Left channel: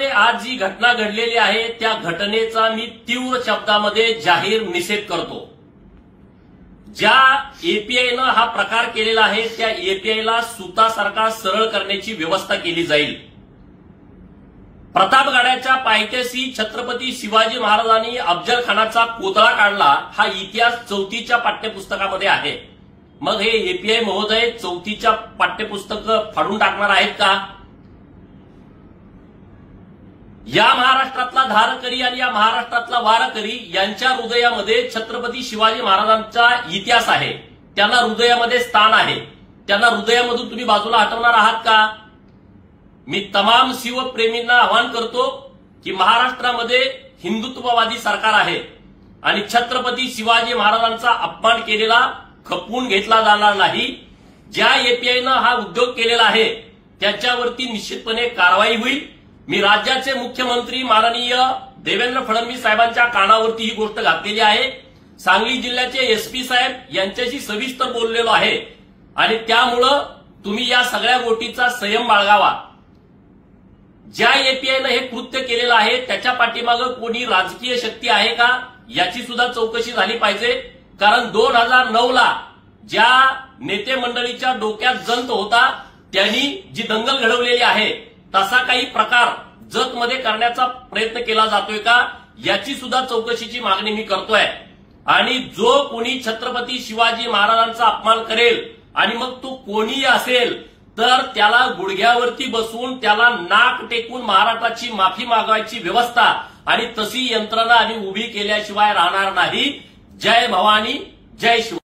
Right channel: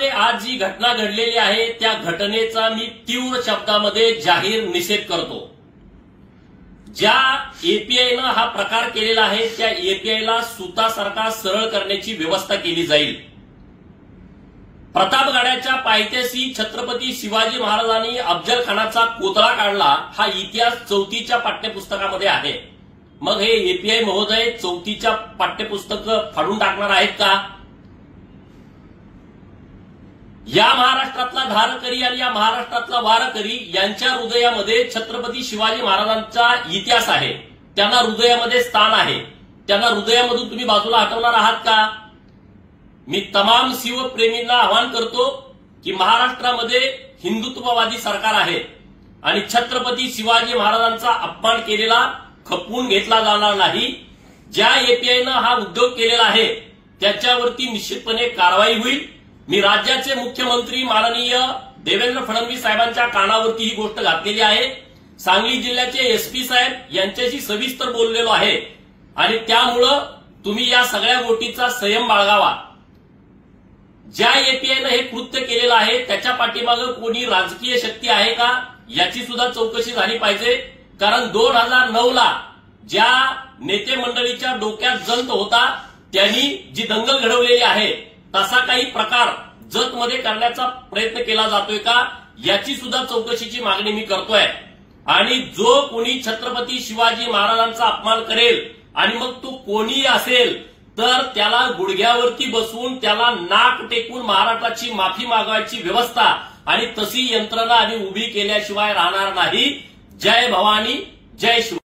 जतमध्ये आज जी घटना घडलेली आहे त्या घटनेचा मी तीव्र शब्दामध्ये जाहीर निषेध करतो। ज्या एपीआयनं हा प्रकार केलेला आहे त्या एपीआयला सुतासारखा सरळ करण्याची व्यवस्था केली जाईल। प्रतापगडाच्या पायथ्याशी छत्रपती शिवाजी महाराजांनी अफजल खानाचा कोतळा काढला हा इतिहास 4थीच्या पाठ्यपुस्तकामध्ये आहे। मग हे एपीआय महोदय 4थीच्या पाठ्यपुस्तक फाडून टाकणार आहेत का? या महाराष्ट्रातला धारकरी आणि या महाराष्ट्रातला वारकरी यांच्या हृदयामध्ये छत्रपती शिवाजी महाराजांचा इतिहास आहे, त्यांना हृदयामध्ये स्थान आहे। त्यांना हृदयामधून तुम्ही बाजूला हटवणार आहात का? मी तमाम शिवप्रेमींना आवाहन करतो की महाराष्ट्रामध्ये हिंदुत्ववादी सरकार आहे आणि छत्रपती शिवाजी महाराजांचा अपमान केलेला खपवून घेतला जाणार नाही। ज्या एपीआयनं हा उद्योग केलेला आहे त्याच्यावरती निश्चितपणे कारवाई होईल। मी राज्याचे मुख्यमंत्री माननीय देवेंद्र फडणवीस साहेबांच्या कानावरती ही गोष्ट घातलेली आहे। सांगली जिल्ह्याचे एसपी साहेब यांच्याशी सविस्तर बोललेलो आहे आणि त्यामुळं तुम्ही या सगळ्या गोष्टीचा संयम बाळगावा। ज्या एपीआयनं हे कृत्य केलेलं आहे त्याच्या पाठीमागं कोणी राजकीय शक्ती आहे का याची सुद्धा चौकशी झाली पाहिजे। कारण 2009ला ज्या नेते मंडळीच्या डोक्यात जंत होता त्यांनी जी दंगल घडवलेली आहे तसा काही प्रकार जतमध्ये करण्याचा प्रयत्न केला जातोय का याची सुद्धा चौकशीची मागणी मी करतोय। आणि जो कोणी छत्रपती शिवाजी महाराजांचा अपमान करेल आणि मग तो कोणीही असेल तर त्याला गुडघ्यावरती बसवून त्याला नाक टेकून महाराष्ट्राची माफी मागवायची व्यवस्था आणि तशी यंत्रणा आम्ही उभी केल्याशिवाय राहणार नाही। जय भवानी, जय शिव।